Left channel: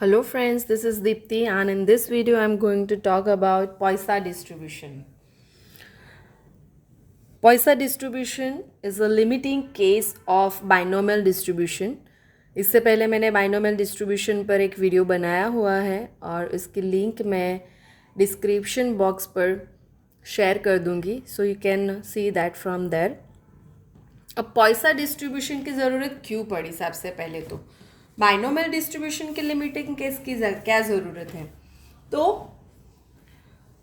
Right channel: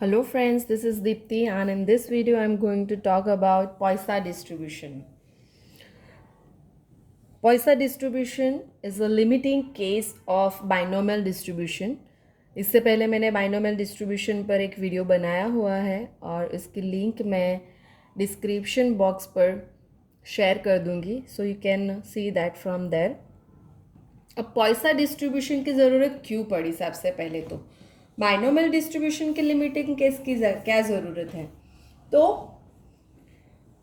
Hello friends, this is Deepti and in this video I'm going to talk about Poisson distribution. Poisson distribution is a limiting case of binomial distribution. इससे पहले मैंने binomial distribution पर एक video बनाया हुआ है और इसकी लिंक मैं डिस्क्रिप्शन बॉक्स पर शेयर कर दूंगी, so you can see that from there. अब पॉइसन डिस्ट्रीब्यूशन की ज़रूरत क्यों पड़ी? सबसे पहले तो बाइनोमियल डिस्ट्रीब्यूशन की लिमिटिंग केस की क्या ज़रूरत है? तो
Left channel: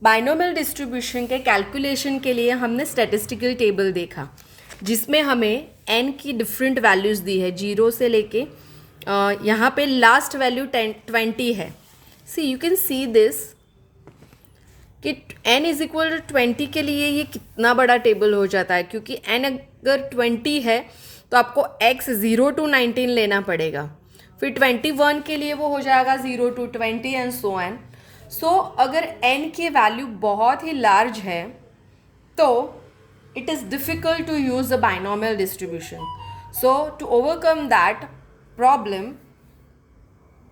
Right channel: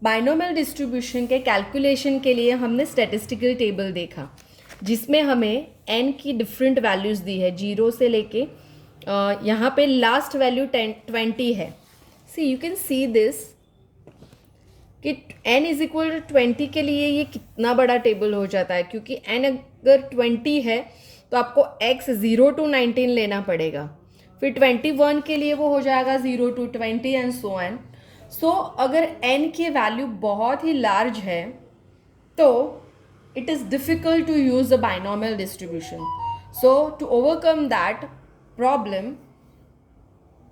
बाइनोमियल डिस्ट्रीब्यूशन के कैलकुलेशन के लिए हमने स्टैटिस्टिकल टेबल देखा जिसमें हमें n की डिफरेंट वैल्यूज़ दी है, 0 से लेके यहाँ पे लास्ट वैल्यू 20 है. सी यू कैन सी दिस कि n इज इक्वल टू 20 के लिए ये कितना बड़ा टेबल हो जाता है, क्योंकि n अगर 20 है तो आपको x 0 to 19 लेना पड़ेगा, फिर 21 के लिए वो हो जाएगा 0 to 20 and so on. So अगर n की वैल्यू बहुत ही लार्ज है तो it is difficult to use the binomial distribution. So to overcome that problem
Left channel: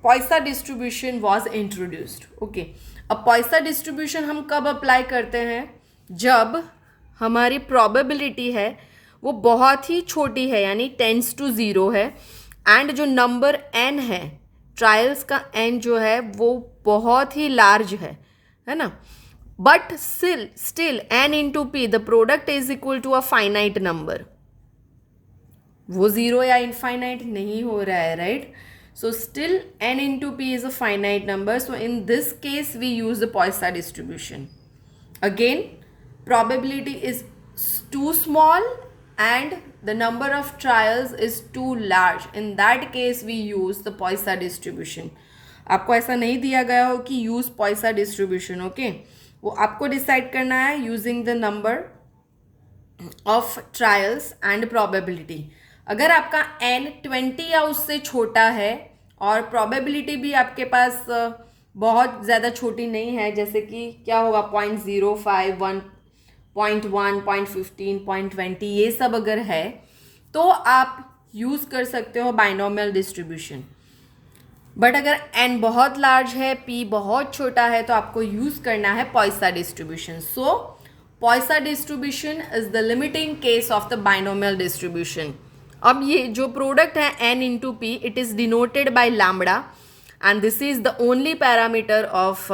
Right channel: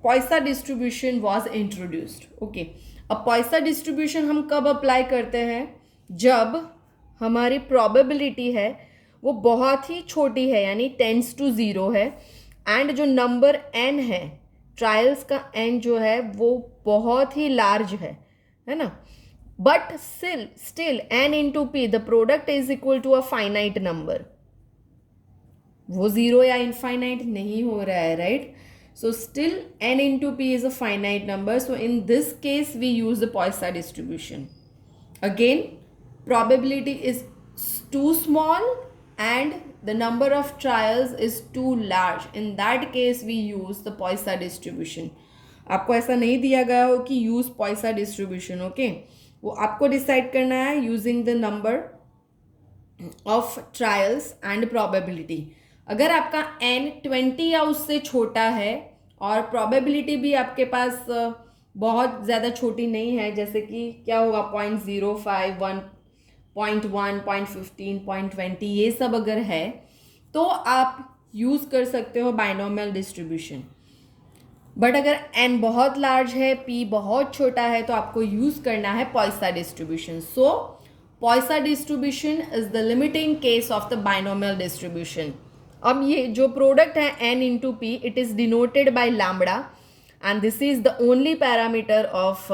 Poisson distribution was introduced. Okay, अब पॉइसन डिस्ट्रीब्यूशन हम कब अप्लाई करते हैं? जब हमारी प्रोबेबिलिटी है वो बहुत ही छोटी है, यानी टेंस टू 0 है, एंड जो नंबर n है, ट्रायल्स का n जो है वो बहुत ही लार्ज है ना. But still n into p the product is equal to a finite number. वो 0 या इनफाइनाइट नहीं हो रहा है, right? So still n into p is a finite number. So in this case we use the Poisson distribution. Again, probability is too small and the number of trials is too large. In that case we use the Poisson distribution. आपको ऐसा नहीं दिया गया हो कि use Poisson distribution, okay? वो आपको decide करना है using the number of trials and probability. अगर आपका n 20 या उससे छोटा है और प्रोबेबिलिटी भी आपके पास बहुत ज़्यादा छोटी नहीं है, जैसे कि क्या होगा 0.05, 1.1, 0.15, 0.20, ये सब अगर है तो आप यूज़ कर सकते हो बाइनोमियल डिस्ट्रीब्यूशन. बट अगर n बहुत लार्ज है, p बहुत छोटा है, तो आपको यूज़ करना है Poisson distribution. So Poisson distribution is the limiting case of the binomial distribution. अब ये जो प्रोडक्ट है n into P, it is denoted by lambda and this is the only parameter of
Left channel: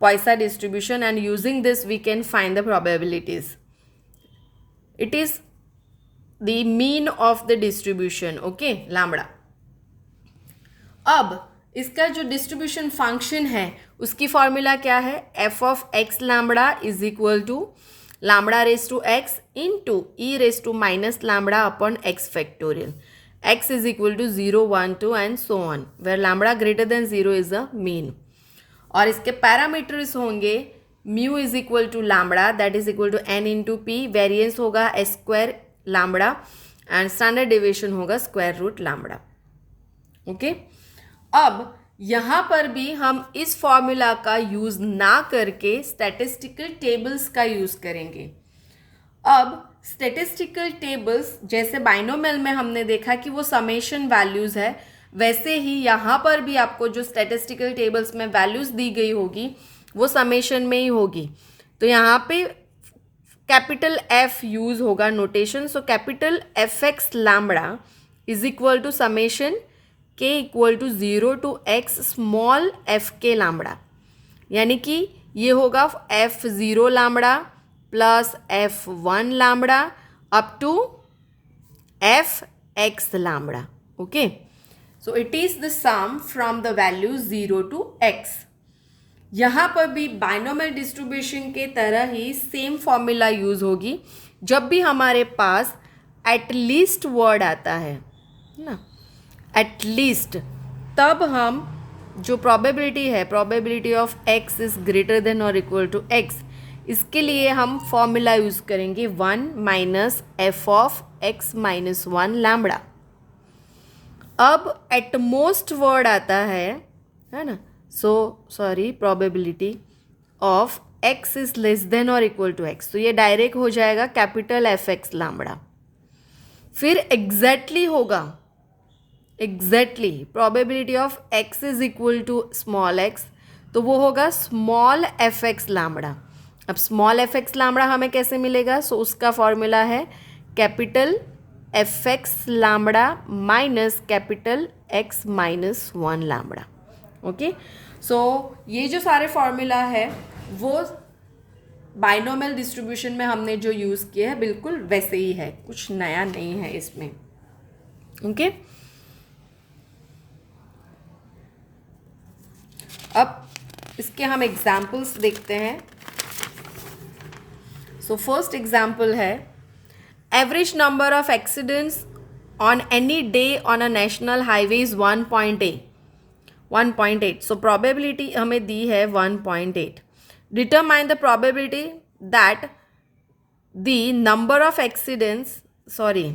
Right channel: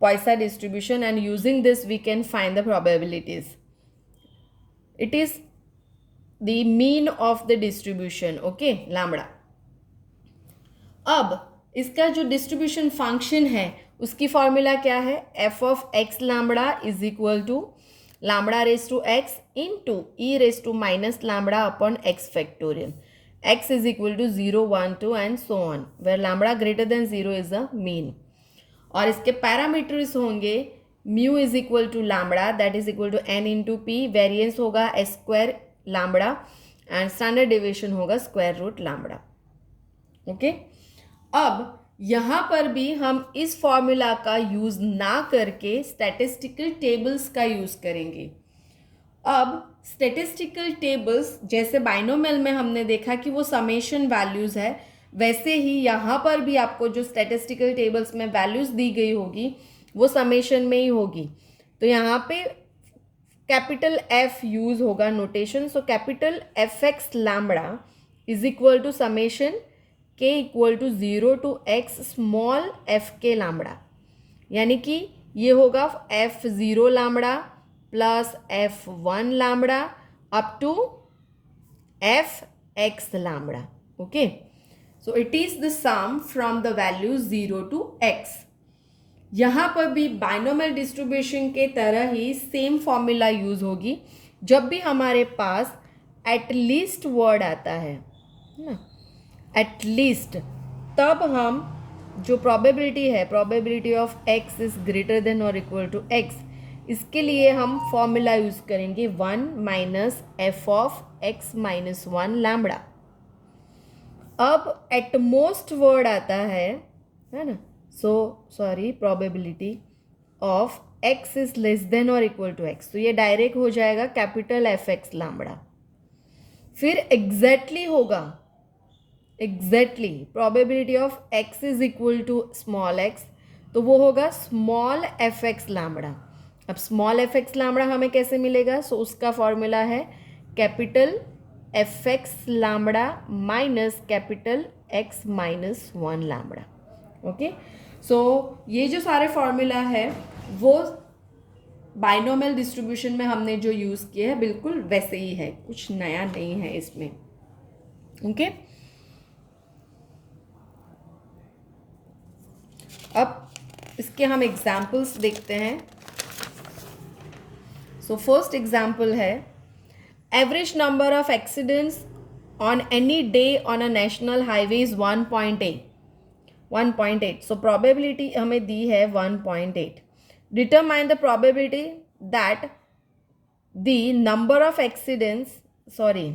Poisson distribution, and using this we can find the probabilities. It is the mean of the distribution, okay, lambda. अब इसका जो distribution function है उसकी formula क्या है? f of x lambda is equal to lambda raised to x into e raised to minus lambda upon x factorial. X is equal to 0, 1, 2 and so on, where lambda greater than 0 is the mean. और इसके parameters होंगे mu is equal to lambda that is equal to n into p, variance होगा s square lambda and standard deviation होगा square root lambda. Okay, अब यहाँ पर भी हम इस फॉर्मूला का यूज़ ना करके स्टैटिस्टिकल टेबल्स का यूज़ करेंगे. अब स्टैटिस्टिकल टेबल्स जैसे बाइनोमियल में हमने देखा कि वो समेशन वैल्यूज़ है, वैसे ही यहाँ पर भी आपको जो स्टैटिस्टिकल टेबल्स में वैल्यूज़ दी गई होगी वो समेशन में ही होगी. तो यहाँ पे कैपिटल F यूज़ होगा notation. So capital Fx lambda is equal to summation k equal to 0 to x small f के लैम्बडा, यानी कि ये होगा f0 lambda plus f1 lambda up to fx lambda. Okay, so it is the sum from the value 0 to x. यहाँ पर भी binomial distribution के तरह ही सेम फॉर्मूला यूज होगी जब भी हमारे पास एटलीस्ट वर्ड आता है ना, एटलीस्ट, तब हम जो प्रोबेबिलिटी है, probability of x is greater than और इक्वल टू x, इसके लिए हम फॉर्मूला यूज करेंगे 1 minus f of x minus 1 lambda. अब एट मोस्ट वर्ड आता है ना, so sorry, probability of x is less than और इक्वल टू x, तो ये डायरेक्ट हो जाएगा कैपिटल Fx लैम्बडा. फिर एग्जैक्टली होगा exactly probability of x is equal to small x, तो वो होगा स्मॉल एफ एक्स लैम्बडा। अब स्मॉल एफ एक्स लैम्बडा हमें कैसे मिलेगा? सो उसका फॉर्मूला है capital F X lambda minus capital X minus one lambda. Okay, so ये जो सारे फॉर्मूला है वो बाइनोमियल डिस्ट्रीब्यूशन में हमने जो यूज़ किया है बिल्कुल वैसे ही है, कुछ नया नहीं है इसमें। ओके, अब इसके हम एग्जाम्पल्स देखते हैं। सो फर्स्ट एग्जाम्पल है average number of accidents on any day on a national highway is 1.8। So probability हमें दी है 1.8। Determine the probability that the number of accidents, sorry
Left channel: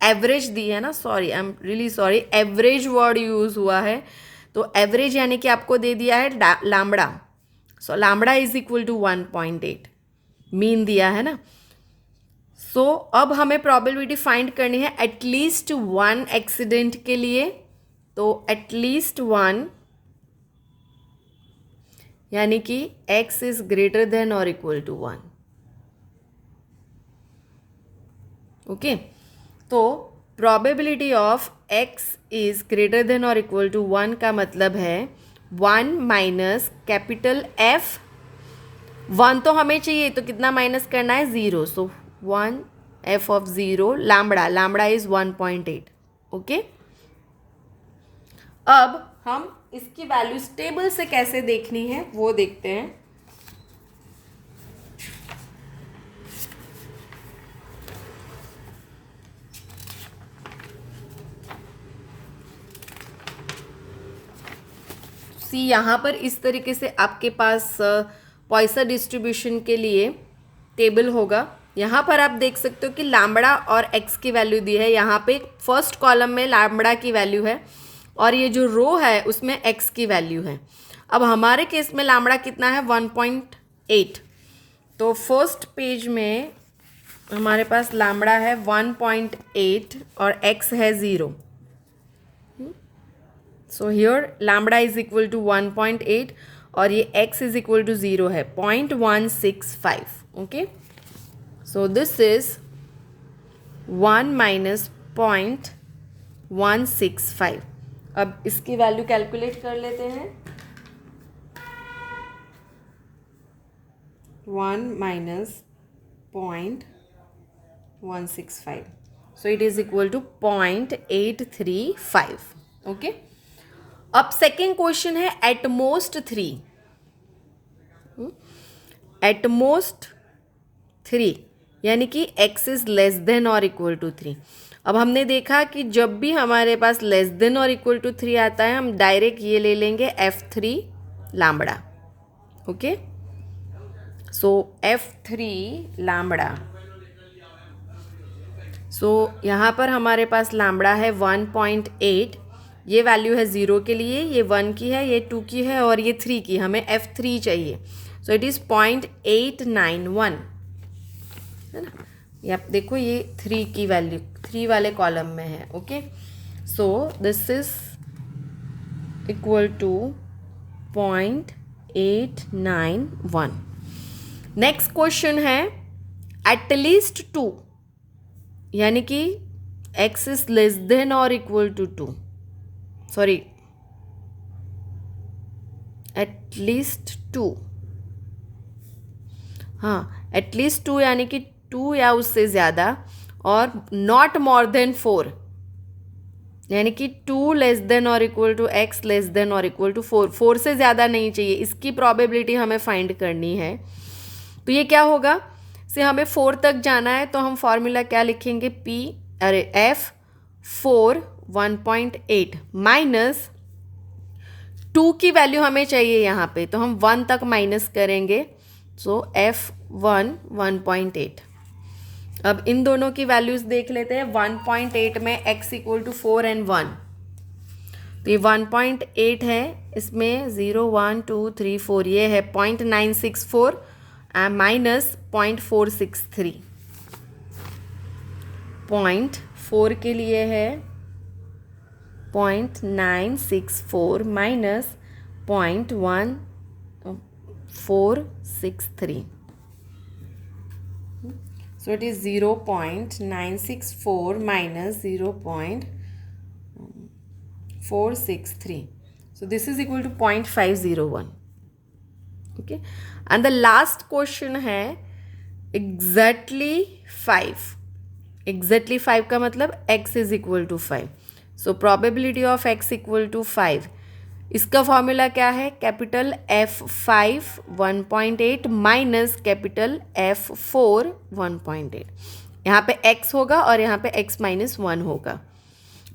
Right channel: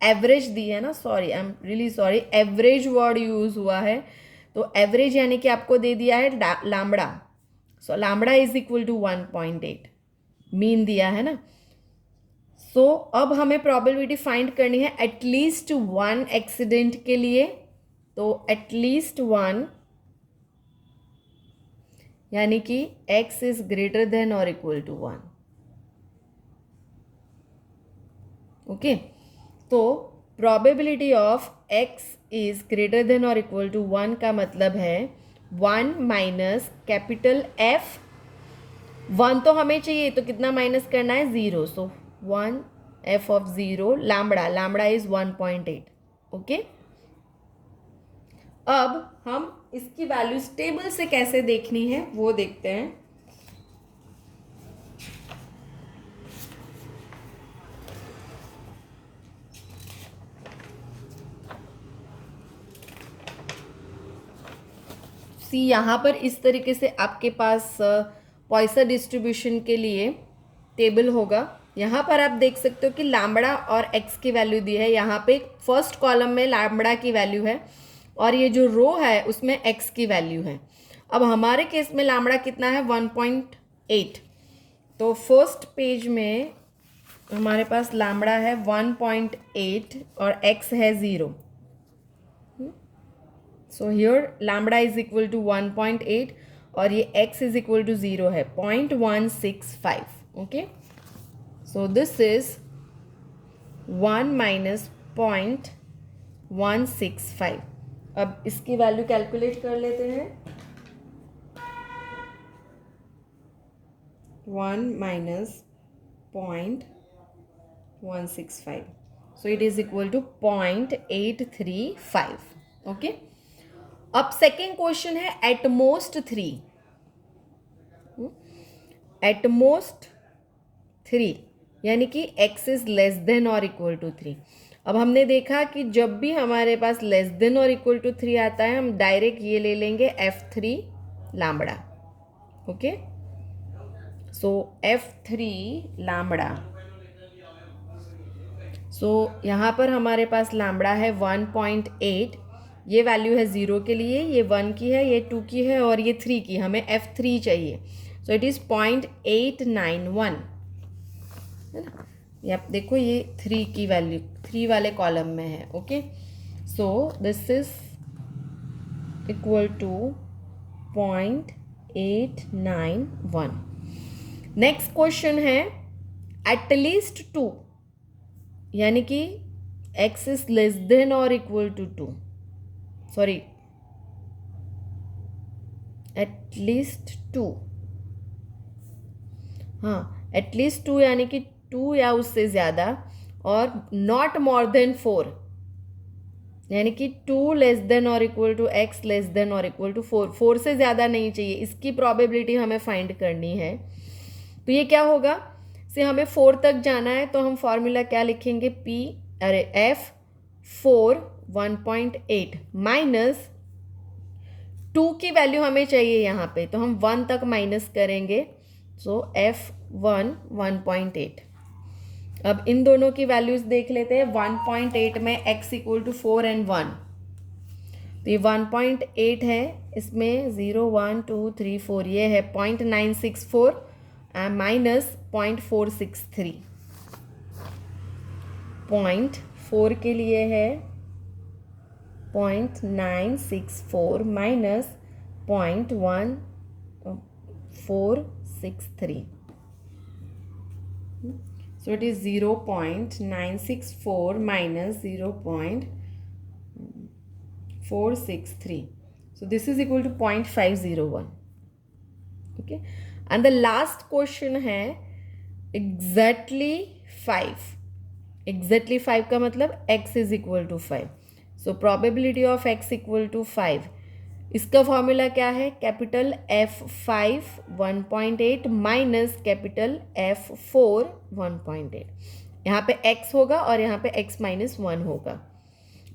average दी है ना, sorry I am really sorry, average word use हुआ है, तो average यानी कि आपको दे दिया है lambda. So lambda is equal to 1.8, mean दिया है ना। सो अब हमें प्रोबेबिलिटी फाइंड करनी है एटलीस्ट वन एक्सीडेंट के लिए, तो एटलीस्ट वन यानी कि x इज ग्रेटर देन और इक्वल टू 1। ओके, तो probability of x is greater than और इक्वल टू 1 का मतलब है 1 माइनस कैपिटल F। 1 तो हमें चाहिए, तो कितना माइनस करना है? 0। सो 1 F of 0 lambda, lambda is 1.8। Okay, अब हम इसकी वैल्यूज टेबल से कैसे देखनी है वो देखते हैं। सी यहाँ पर इस तरीके से आपके पास पॉइसन डिस्ट्रीब्यूशन के लिए टेबल होगा। यहाँ पर आप देख सकते हो कि लैम्बडा और एक्स की वैल्यू दी है। यहाँ पे फर्स्ट कॉलम में लैम्बडा की वैल्यू है और ये जो रो है उसमें एक्स की वैल्यू है। अब हमारे केस में लैम्बडा कितना है? 1.8। तो फर्स्ट पेज में हमारे पास लैम्बडा है 1.8 और एक्स है 0। So here lambda is equal to 1.8 और ये x इज इक्वल टू 0 है, 0.165। Okay, so this is 1 minus 0.165। अब इसकी वैल्यू कैलकुलेट कर लेते हैं। 1 minus 0.165, so it is equal to 0.835। Okay, अब सेकेंड क्वेश्चन है एटमोस्ट 3। एटमोस्ट 3 यानी कि x इज लेस देन और इक्वल टू 3। अब हमने देखा कि जब भी हमारे पास लेस देन और इक्वल टू 3 आता है हम डायरेक्ट ये ले लेंगे F3 लैम्बडा। ओके, सो F3 लैम्बडा। सो यहाँ पर हमारे पास लैम्बडा है 1.8, ये वैल्यू है 0 के लिए, ये 1 की है, ये 2 की है और ये 3 की। हमें F3 चाहिए, सो इट इज़ 0.891 है ना। ये आप देखो ये 3 की वैल्यू 3 वाले कॉलम में है। Okay, so this is equal to 0.891। Next question है एटलीस्ट 2 यानी कि x इज लेस देन और इक्वल टू 2, सॉरी एटलीस्ट 2, हाँ एटलीस्ट 2 यानी कि 2 या उससे ज़्यादा, और नॉट मोर देन 4 यानी कि 2 लेस देन और equal to x less than और इक्वल टू 4, 4 से ज़्यादा नहीं चाहिए। इसकी प्रोबेबिलिटी हमें फाइंड करनी है। तो ये क्या होगा? से हमें 4 तक जाना है तो हम फॉर्मूला क्या लिखेंगे? F4 1.8 माइनस 2 की वैल्यू हमें चाहिए यहाँ पे, तो हम 1 तक माइनस करेंगे। सो F1 1.8। अब इन दोनों की वैल्यूज देख लेते हैं। 1.8 में x इक्वल टू 4 एंड 1, तो ये 1.8 है, इसमें 0 1 2 3 4 ये है 0.964 माइनस 0.463। 0.4 के लिए है 0.964 minus 0.1463. So it is 0.964 minus 0.463. So this is equal to 0.501. Okay, and the last question है exactly 5. Exactly 5 का मतलब x is equal to 5. So probability of x equal to 5. इसका फॉर्मूला क्या है? Capital F5 1.8 minus capital F4 1.8. यहाँ पे x होगा और यहाँ पे x माइनस 1 होगा.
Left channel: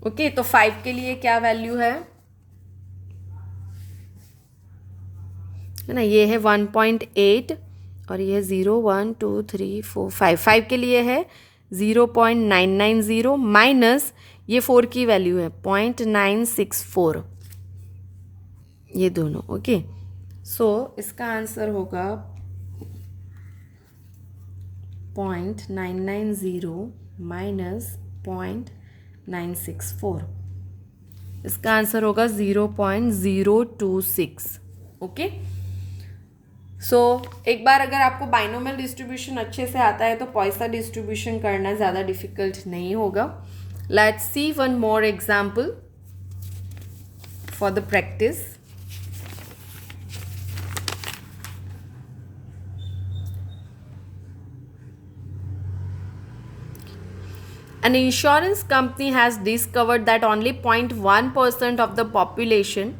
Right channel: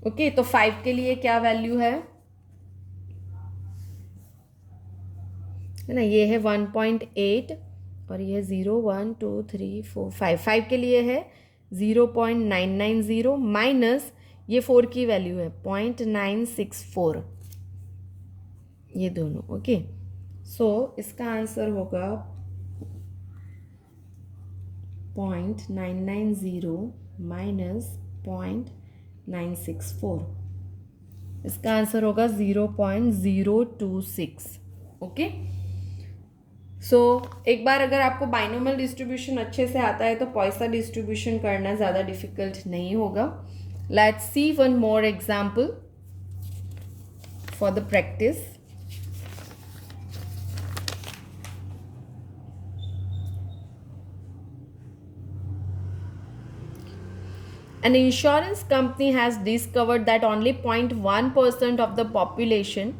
ओके, तो 5 के लिए क्या वैल्यू है ना? ये है 1.8 और ये 0 1 2 3 4 5. 5 के लिए है 0.990 माइनस ये 4 की वैल्यू है 0.964. ये दोनों. ओके, सो इसका आंसर होगा 0.990 माइनस 0.964. इसका आंसर होगा 0.026. ओके, सो एक बार अगर आपको बाइनोमियल डिस्ट्रीब्यूशन अच्छे से आता है तो पॉइसन डिस्ट्रीब्यूशन करना ज़्यादा डिफिकल्ट नहीं होगा. Let's see one more example for the practice. An insurance company has discovered that only 0.1% of the population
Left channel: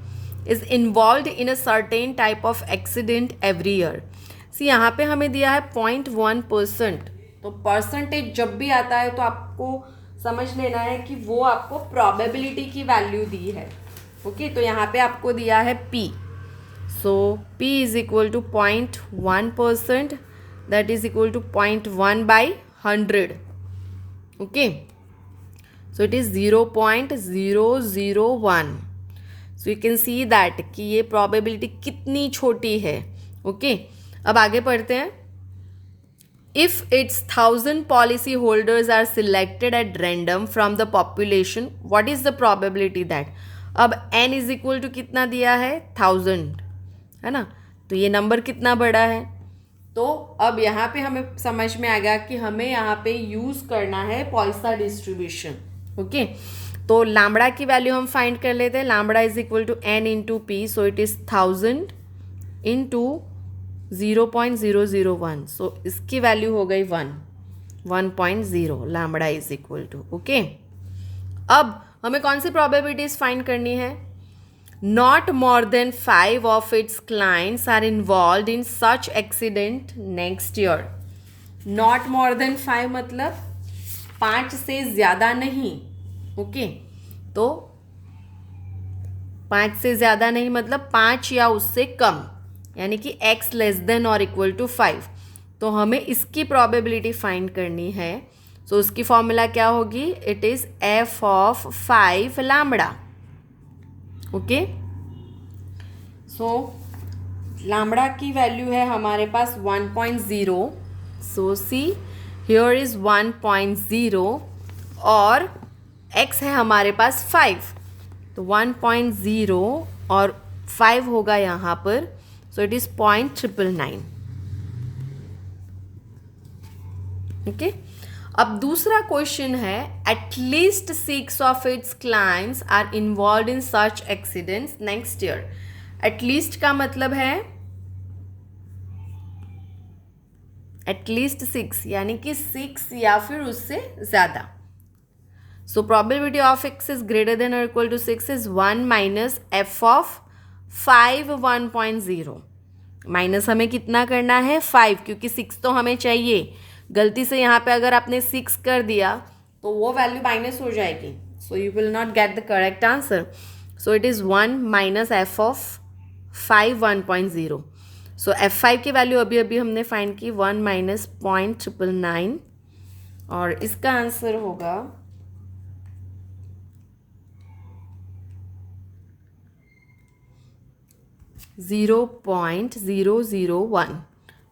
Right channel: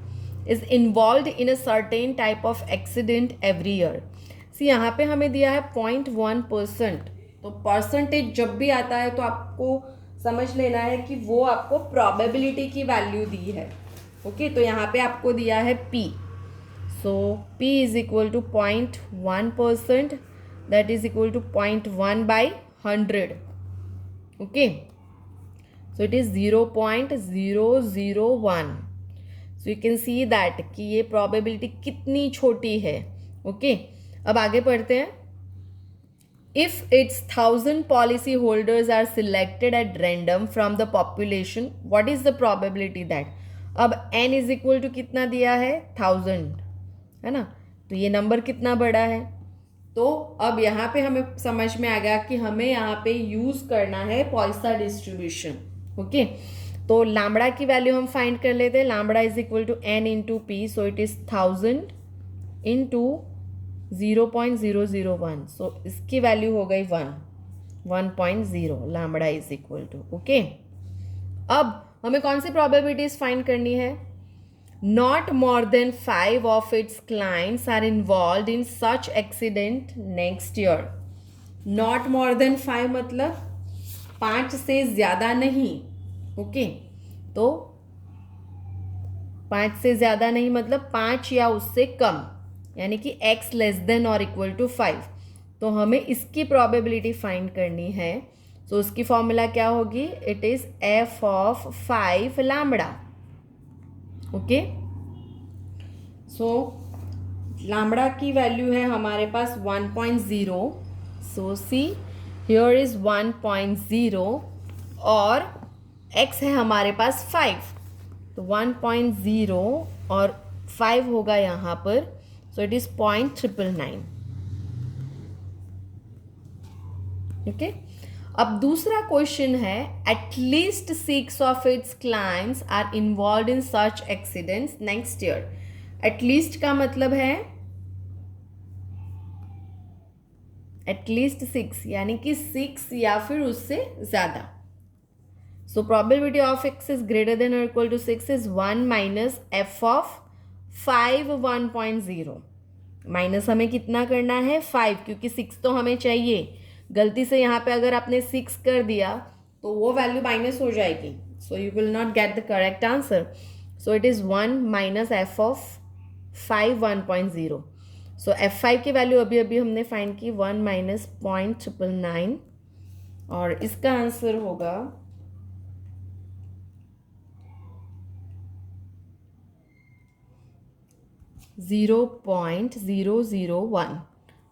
is involved in a certain type of accident every year. See, यहाँ पे हमें दिया है 0.1%. तो परसेंटेज जब भी आता है तो आपको समझ लेना है कि वो आपको प्रोबेबिलिटी की वैल्यू दी है. ओके, तो यहाँ पे आपको दिया है P. So P is equal to 0.1%. That is equal to 0.1/100. Okay, so it is 0.001. So you can see that कि ये प्रोबेबिलिटी कितनी छोटी है. ओके, अब आगे पढ़ते हैं. If its 1000 policy holders are selected at random from the population, what is the probability that. अब n इज इक्वल टू कितना दिया है? 1000 है ना. तो ये नंबर कितना बड़ा है. तो अब यहाँ पे हमें समझ में आ गया कि हमें यहाँ पे यूज करना है पॉइसन डिस्ट्रीब्यूशन. ओके, तो लैम्बडा की वैल्यू हम फाइंड कर लेते हैं. Lambda is equal to n into p. So it is 1000 into 0.001. सो इसकी वैल्यू हो गई 1.0. Lambda is equal to. Okay, अब हमें कौन सी प्रोबेबिलिटीज फाइंड करनी है? Not more than 5 of its clients are involved in such accident next year. Not more than 5 मतलब 5 से ज़्यादा नहीं. ओके, तो 5 से ज़्यादा नहीं मतलब 5 या उससे कम, यानी कि x लेस देन और इक्वल टू 5. तो हमें इसकी प्रोबेबिलिटी फाइंड करनी है. सो उसकी फॉर्मूला क्या होगी? It is f of 5 lambda. Okay, so lambda की वैल्यू है हमारे पास 1.0. सो सी हियर इज 1.0 और x है हमारे पास 5. तो 1.0 और 5 होगा यहाँ पर. सो इट इज 0.999. ओके, अब दूसरा क्वेश्चन है. At least 6 of its clients are involve in such accidents next year. At least का मतलब है एटलीस्ट 6, यानी कि 6 या फिर उससे ज़्यादा. So probability of x is greater than और equal to 6 is 1 minus f of 5 1.0. Minus हमें कितना करना है? 5, क्योंकि 6 तो हमें चाहिए. गलती से यहाँ पे अगर आपने 6 कर दिया तो वो वैल्यू माइनस हो जाएगी. So you will not get the correct answer. So it is 1 minus f of 5 1.0. So f5 की वैल्यू अभी अभी हमने फाइंड की 1 माइनस 0.999 और इसका आंसर होगा 0.001.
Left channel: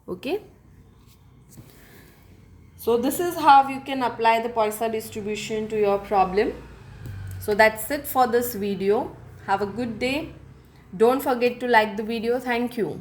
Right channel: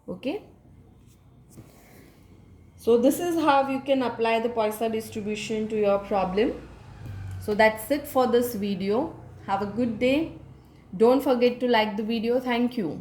Okay, so this is how you can apply the Poisson distribution to your problem. So that's it for this video. Have a good day. Don't forget to like the video. Thank you.